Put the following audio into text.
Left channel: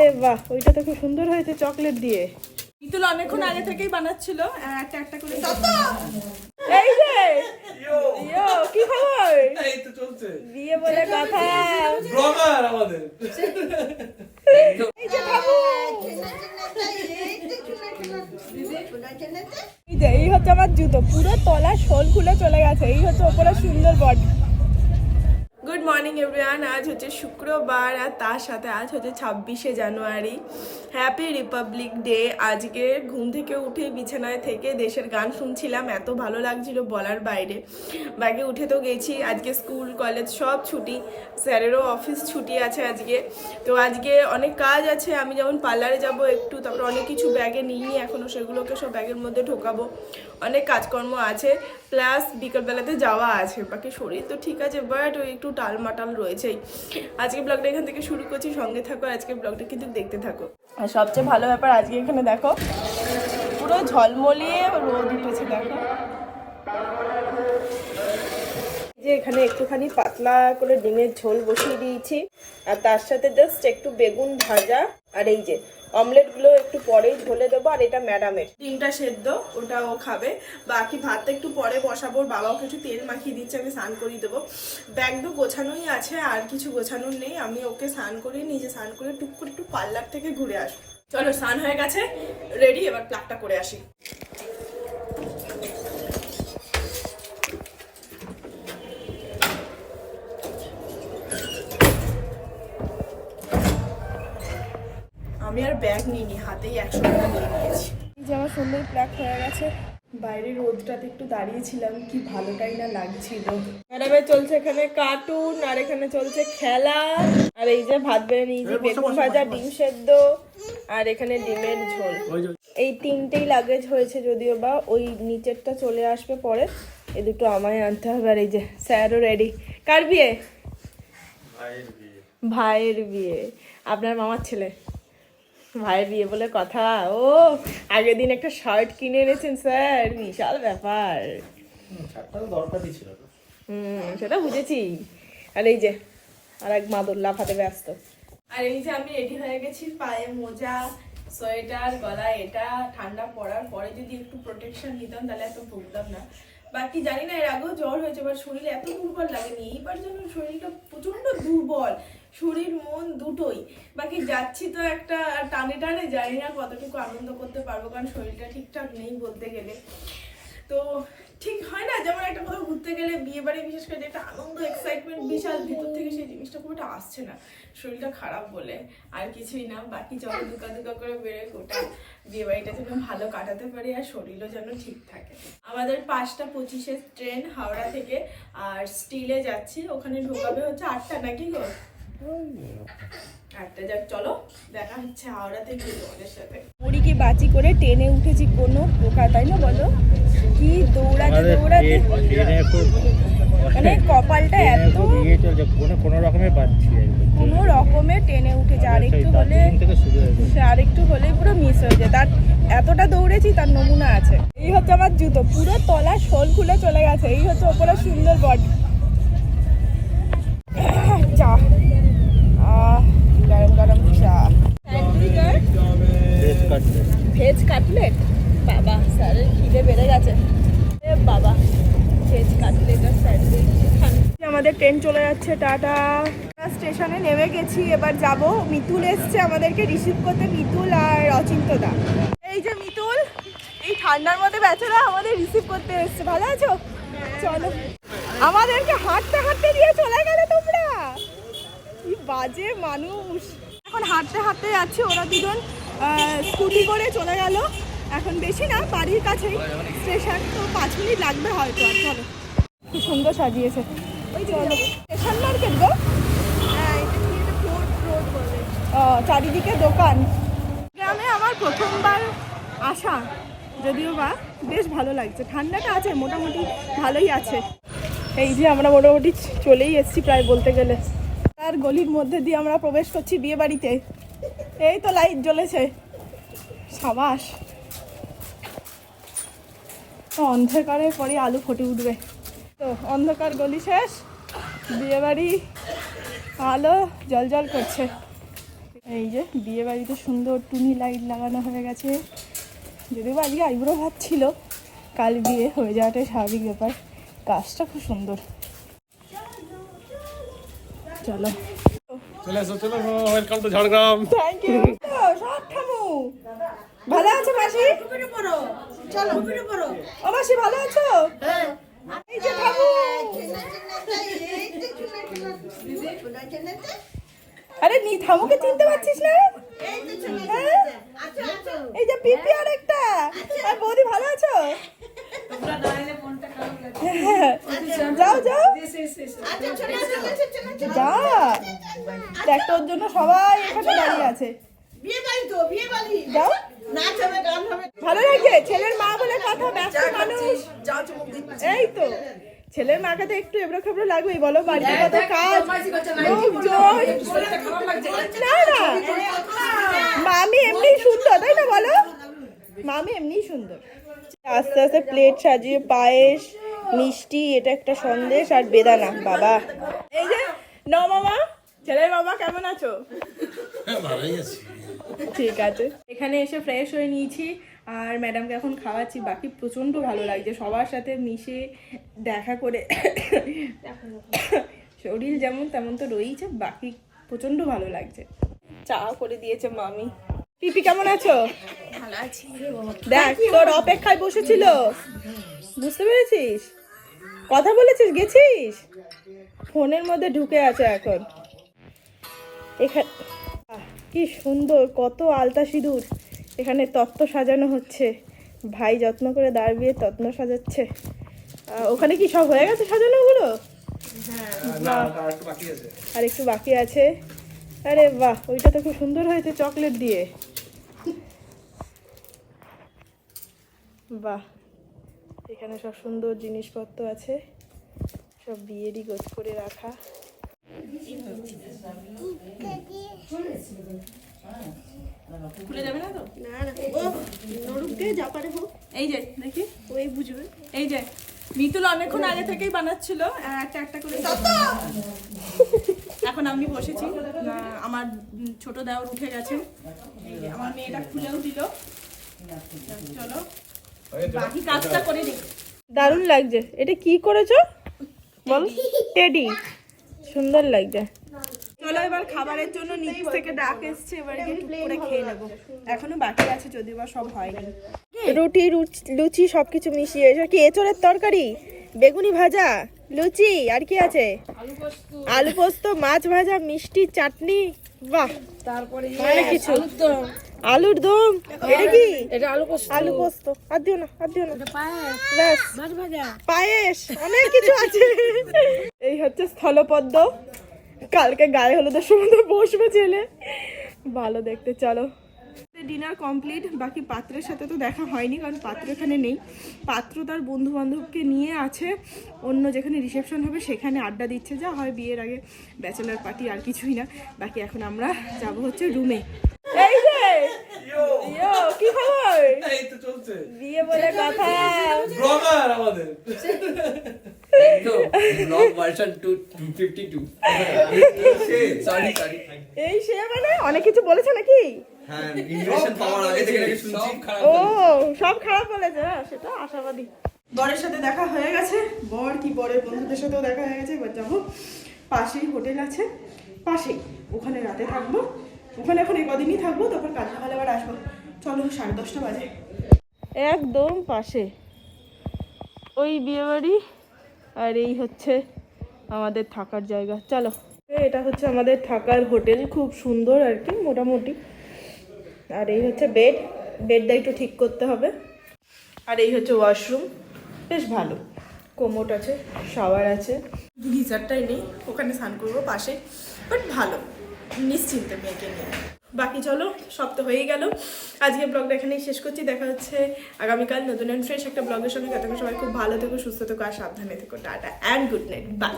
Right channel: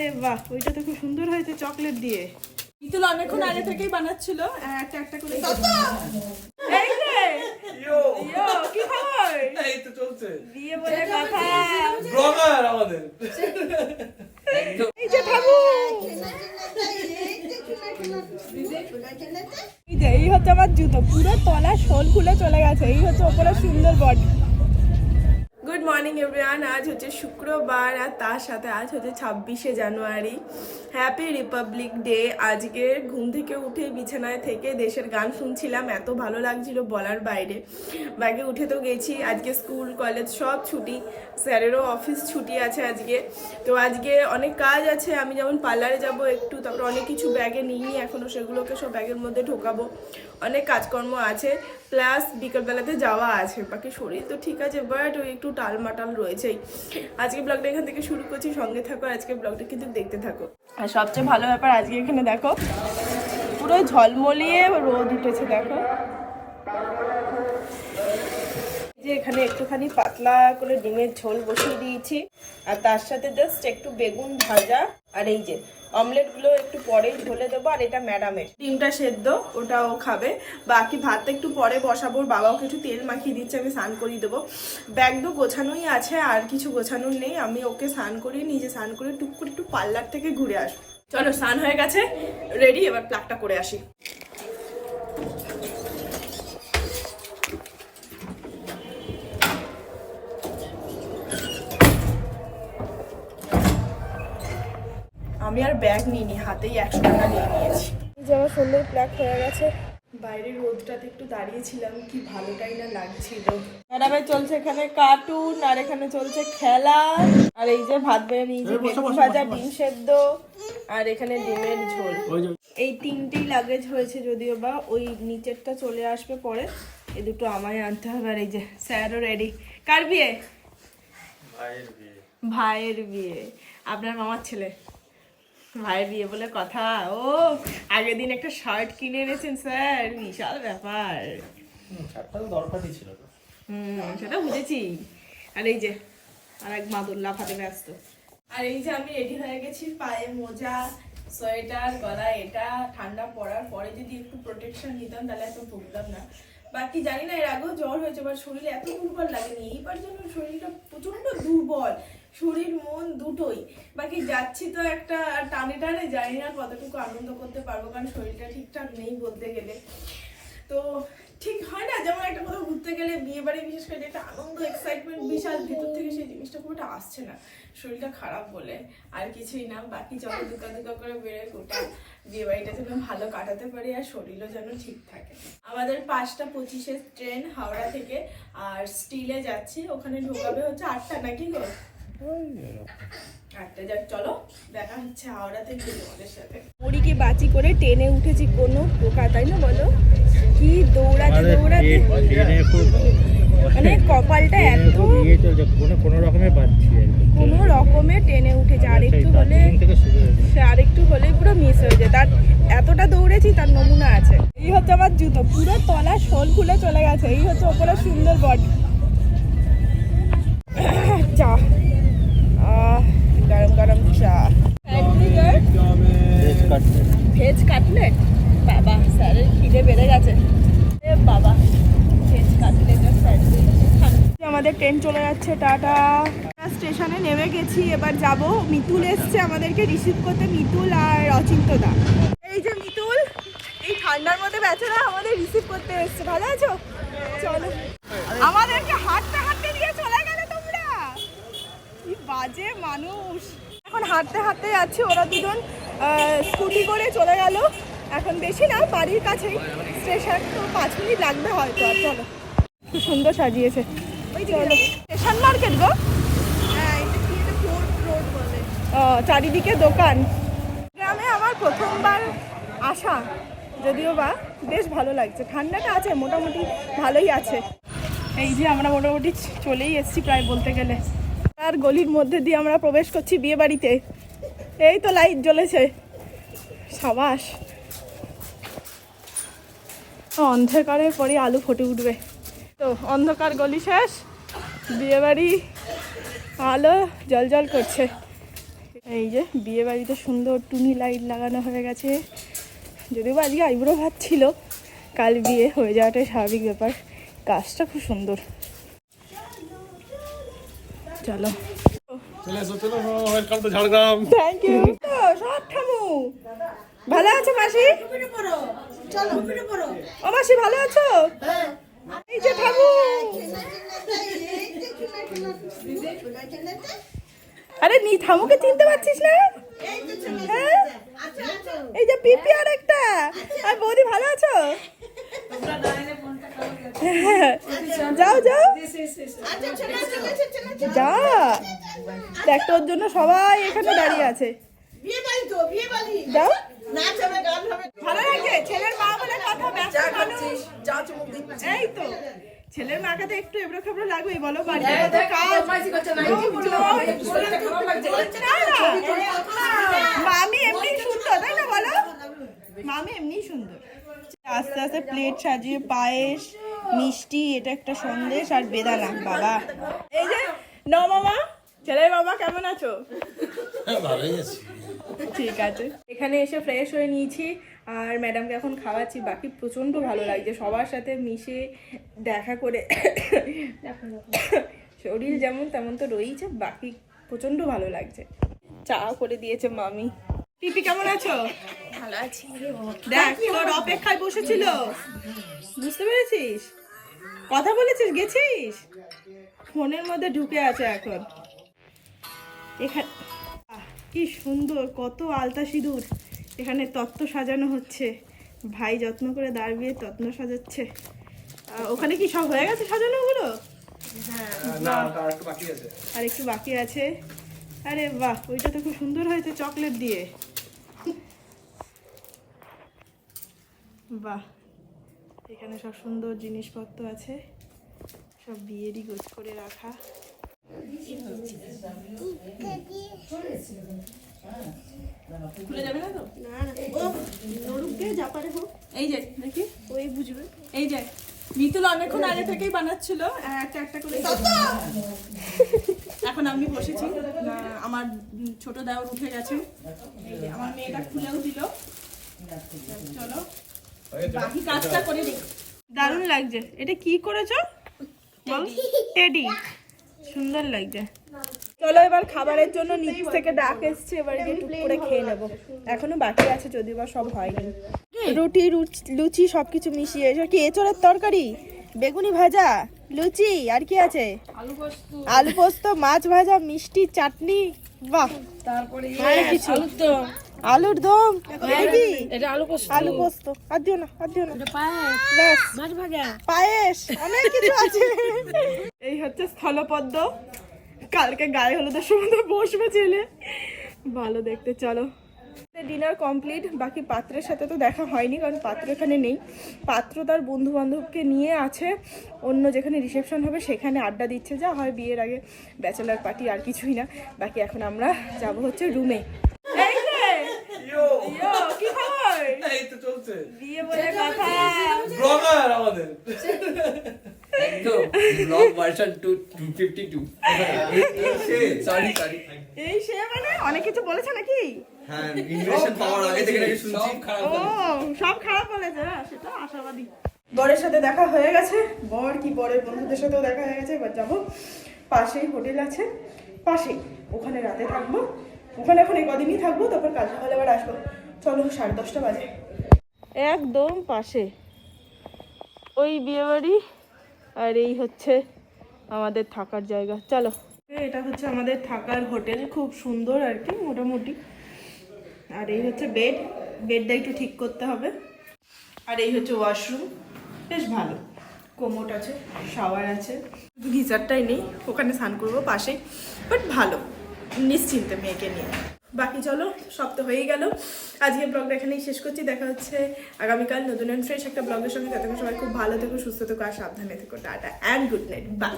আরে বাহ ওইটা তো খুব সুন্দর হয়েছে চকলেট দিয়ে। মিতুল অনেকক্ষণ আগে থেকেই বানাচ্ছিল একটা একটা করে এই যে কি খবর? এই তো চলছে। বিয়ে বলে কথা। ব্লগার আমাদের। এই যে ঠাকুর। এই হচ্ছে আমার জুতো। পুরো তলার সোল খুলে চলে গেছে। এই হচ্ছে ওপরে সুন্দর বডি গুড মর্নিং এভরিওয়ান আজ হচ্ছে শুক্রবার আর তার সাথে আজ হচ্ছে ছাব্বিশে জানুয়ারি। হ্যাপি রিপাবলিক ডে আজকে ঘুম থেকে উঠে বিছানায় থেকে দেশের গান শুনছিলাম। এত ভালো লাগছিল বলার বাইরে। বাকি উঠে তো গেছি। আজকে স্কুল, কলেজ সব ছুটি। স্যারেরও অফিস ছুটি আছে আজকে। তো আজকে অনেক কাজ আছে। আমি যেমন পার্লারে যাব একটু, তারপর অনেক কিছু ব্যাগে নিইনি। এখনও সেগুলোকে সব ব্যাগের মধ্যে ঢোকাবো। অনেক কাজকর্ম আছে প্লাস বিকেলবেলাতে যাওয়া আছে, বাকি শরীর তো ঠিক আছে বাট ওই একটু টাল মাটাল রয়েছেই। আজকে ব্লগটা এখান থেকে শুরু করছি, সঙ্গে থাকো, আজকে ব্লগটা কিন্তু দেখতে থাকো। আর সবচেয়ে ভালো ব্যাপার আজকে এখানে দেখো, পুরো ঝলমলিয়ে রোদ উঠেছে, দেখো। এখানে একটুখানি পাতলা করে ডিমের ঝোল বসিয়ে দিয়েছি। আর তার সাথে জাস্ট একটু বেগুন ভাজা আর এই যে অমলেটগুলো একটু পরেই ঝোলে দেবো, আর এটা ম্যাডামের ডিমটা সেদ্ধ ওটা ও খাবে। বাকি ভাতটা একটু পরে বসাবো বাবাও কিছু তেল মাখিয়ে দিচ্ছে, আমি স্নান করিয়ে দেবো। ব্যাগ তো গোছানোই আছে, আর কিছু গোছানোর নেই। আমি ওকে স্নান করিয়ে, নিজে স্নান করে টুক করে একটু পার্লার থেকে ঘুরে আসব। চলো, স্নান হয়ে গেছে রেডি এবার প্লাগটা করে আসি। আমি আর ব্যাগ নিইনি হাতেই একশো টাকা নিয়ে নিয়েছি। এই যে আমার সুন্দর প্ল্যাক হয়ে গেছে। বাইরে রোদটাতে একটু দাঁড়িয়েছিলাম কি ভালোটাই না লাগছিল। ম্যাডামে চলছে এখানে কার্টুন আর এখানে চলছে খেলা। আর এই যে ভাত বেড়ে নিয়েছি বেগুন ভাজা ডিম সেদ্ধ আর এখানে ডিমের ঝোল। এই তিনটেই লাগেজ হয়েছে যদিও বা ওই নিচেরটা চলে আসবে পরে। এই দুটো আমায় আনতে হবে আর এই যে স্যারও রেডি কার বিয়ে। ভাইয়ের বিয়ে। আপনার মামার ছেলে? ভাইয়ের বিয়ে বলে কথা। ও আগের দিন একটা শার্ট কিনে এনেছেন স্যার। বিশাল ব্যাপার। দরকারই ছিল। হুম সেটা বুঝেছি। আর এই যে আর এক মাদুর লাফাতে ব্যস্ত। আর এই যে আমি রেডি হয়ে গেছি পায়ে মোজা সোয়েটার গলা এটা ঠান্ডা পড়ার পরে যদি একটু প্রোটেকশন নিতাম তাহলে এত ভুগতাম না। বাকি জানি না এর আগেও জ্বর হয়েছে বাট শরীরে এত দুর্বল লাগেনি। এইবার যেন শরীরটা প্রচণ্ড দুর্বল। শরীর, মন দুটোই। বাকি যাচ্ছি তো একটা টানে টানে, জানি না কতটুকু আনন্দ করতে পারব, কারণ শরীরটা ঠিকঠাক নেই বলতে গেলে। তো ঠিক হয় না, যেমন একটা কোথাও ঘুরতে গেলে বিয়ে বাড়ি বিশেষ করে একটা আনন্দ এক্সাইটমেন্ট বিশাল ভিতর থেকে সেই জিনিসটা পুরোটা আসছে না। শরীরটা খারাপ বলে আর কিছুই না, বাকি যত দুকা দুকা করে বেরোয় গোটা বিয়ে বাড়িটা যেন ভালো কাটাতে পারি আর শরীরও যেন ঠিক থাকে। আমাদের পাঁচটা পঁচিশে ট্রেন হাওড়া থেকে আর স্টিলে যাচ্ছি, ওখানে ঢোকাবে হচ্ছে আটটা নাকি গো? আটটা যাক চলো দেখা হচ্ছে হাওড়াতে গিয়ে তোমাদের সাথে। মুড়িকে বাঁচি করে টেনে উঠেছি কোনো পোকা তাই না বলো? কি দৌড়াতে দৌড়াতে? মানে কপালটা এত ইয়ে কোনো পাচ্ছি কোনো রকমে টেনে উঠেছে আর একটু হলে আর একটু হলে পুরো মিস হয়ে যায়। তার এতটা দৌড়েছি তার নমুনা আছে। এই হচ্ছে আমার জুতো পুরো তলার সোল খুলে চলে গেছে। এই হচ্ছে ওপরে সুন্দর বডি চলে যাচ্ছে, টাটা। স্টেশনে নেমে গেছি, এবার যাব। মিতুল এসছে আমাদেরকে রিসিভ করতে, মিতুল আর অচিন্তদা এই যে মিতুল, এই ঠান্ডার মধ্যে বেচারা আমাদের রিসিভ করতে এসছে, ভালো আছো? চলো। আমাদেরকে হাঁটতে হাঁটতে দিয়ে চলে গেলে তোমরা। কি বাজে মানুষ। এখন হাঁটতে হাঁটতে যাচ্ছে, ওরা দুজন স্কুটি করে চলে গেল। এখন বেশি না, বাড়ির কাছেই। স্টেশন তো পাঁচ মিনিট লাগবে হয়তো, আর চলো। খুব সুন্দর সাজিয়েছে। স্টেশন মার্কেট গো? ও চারিদিকে দোকান। গ্রামে আমার প্রথমবার আসা যদিও বা বেশ ভালো লাগছে। ঠান্ডাটা আছে মোটামুটি ভালোই আছে। এই যে আমরা মোটামুটি চলেই এসেছি প্রায় বলতে গেলে। আর গলির মধ্যে দিয়ে আমরা প্রবেশ করছি বিয়ে বাড়িতে এই তো লাইট জ্বলেছে। সাবাস। অন্ধকারের পরে আলু ফুটে উঠবে। তো অন্ধকার গলি শেষ। বিয়ে বাড়ি আলো জল জল করছে। এই যে বিয়ে বাড়িতে সুন্দর টুনি লাইট লাগানো হয়ে গেছে। যদিও বা আজকে আইবুড়ো ভাত ছিল কাল বিয়ে হয়ে যাওয়াটাই স্বাভাবিক ব্যাপার। কাজটা খুব সুন্দর। চলো। চলে এসো চলে এসো welcome to Jhargram. Thank you সব ঠামু ভালো আছো মাসি? ও মাসি ভালো আছো? এই যে ঠামু আরে নি, থামুকে চিনতে পারছিস না? হ্যাঁ? এই যে পিপি আর একটা। আর বৌদি ভালো আছো। যাও যাও। যা। দেখ, তোর জন্য সবাই এখানে দাঁড়িয়ে আছে। যাও। ভালো লাগছে? ছেলের মা বলে কথা ব্যস্ত মানুষ এই তো। ছেলের মাকে তো একটু এবড়ো খাবড়ো লাগবেই বলো বাড়িতে কত কাজ। মামি এমনি সুন্দর তাই না বলো মামি এমনি সুন্দর আস্তে আস্তে প্লেট সাজিয়ে পায়েস মিষ্টি এটা একটা সন্দেশ আর বেদানা বাবা ছেলের বাবা কেমন আছো ঠিক আছে এখানে এসে ফ্রেশ হয়ে নিয়েছি আর ম্যাডামকে এখন খাওয়াচ্ছি, বাকি প্রচণ্ড ভালো লাগছে। সবার সাথে মিশে দেখা করে শরীর যেমন তেমন তো রয়েছে বাকি প্রচণ্ড ভালো লাগছে। চা করে দিয়েছে মামি। পিপি, কেমন আছো? দেখ, তোর অপেক্ষায় বসেছিল। বুঝতে পেরেছিস? কথা বলেছিস? গেছিস? ফোনের মধ্যে ঢুকে আছে এখন। এখানে কি সুন্দর, কত আলতা সিঁদুর। এখানে তত্ত্ব সাজানো হচ্ছে। ভাই যত্ন করে দাঁড়িয়ে তত্ত্ব সাজাচ্ছে। ওখানে কি সব হয়ে গেছে সাজানো হলো? আর একটু বাকি আছে। আরে বাহ, ওইটা তো খুব সুন্দর হয়েছে চকলেট দিয়ে। বাহ, এখানে সব সুন্দর জিনিসপত্র আছে। সব বিয়েরই গোছ করে রাখা। খুলে যাবে এই যে ওই বুঝবে এই যে অনেকক্ষণ আগে থেকেই একটা একটা করে এখন আমি বসেছি আমার ছোট দেওয়ার উঠে গেছে আমার মেয়েটা খুলেও দিল চলো বাকি কাজটা করে দিই দারুণ লাগছে। এটা কি করেছ? টেডি। সুন্দর লাগছে। চলো এবার খাবারের জন্য নিচ থেকে ডাক এসছে এবার গিয়ে টুক করে খেয়ে নেব। এখনও বাকি আছে যদিও বা সব হয়নি। রুটি লুচি সবকিছু মিশিয়ে এসব কি এঁচড়ের তরকারি? বেগুনি ভাজা? লুচি? আর কি আছে? আলু পোস্ত। মাছ ভাজা মিষ্টি চাটনি? বাহ! তারপরে কিছু। আলুর দম। এটা কি? আলু পোস্ত। আর দিও না আর দিও না। ব্যাস। পায়েস অনেক কিছু আছে। এই হচ্ছে স্থলপদ্ম। কালকে গায়ে হলো হলুদের সময় বসবে ছেলে ভালো দেখতে চলো। ডিনার কমপ্লিট বাকি পাত্রের সাথে তো দেখা হয়নি কারণ পাত্র এখানে নেই। পাত্র তার বন্ধু বান্ধবকে নিয়ে আছে অন্য যেখানে রিসেপশন হবে সেখানে আড্ডা দিচ্ছে যা হয় বিয়ের আগে। ব্যাচেলার পার্টি আর কিছুই না। বাকি এখন আমরা যাব হচ্ছে রুমে এই যে! কি খবর? বিয়ে বলে কথা। এই সে মানে অনেক কিছু বলেছে নাকি? হ্যাঁ ও সব খারাপ বলেছে না সেটা আশাবাদী। বরের সাথে দেখা হয়ে গেছে। বর কি বরের বন্ধুদের সাথেও দেখা হয়ে গেছে এবার যাব। পাশেই হোটেল আছে। পাশেই ওখানে রাতে থাকব। ওখানে এখন এই কদিনই থাকব তারপর কাল সকালে আবার আসব। চলো সাড়ে দশটা বাজে। একদম পাশে। ওই বিয়ে বাড়ি আর এই হচ্ছে আমাদের থাকার জায়গা। চলো। এটা হচ্ছে আমাদের থাকার হোটেল, খুব সুন্দর আর কি, মোটামুটি। আর এই হচ্ছে বেড, বেডটা একটু ঠিক করতে হবে। আর এই হচ্ছে ওয়াশরুম, বেশ ভালো। কোমোট আছে, শাওয়ার আছে। গিজারটাই নেই, ওখানে স্নান করব পাশে বাট ভালো। নিশ্চিন্তে মেয়েকে নিয়ে। বাকি চলো, সব তো হয়েই গেল। আজকে ব্লগটা এখানেই শেষ করছি। দেখা হচ্ছে আগামীকাল নতুন অ্যান্ড ফ্রেশ একটা ব্লগের সঙ্গে। যাতে সবাই খুব ভালো থেকো, সুস্থ থেকো, আর সাবধানে থেকো। Tata and good night bye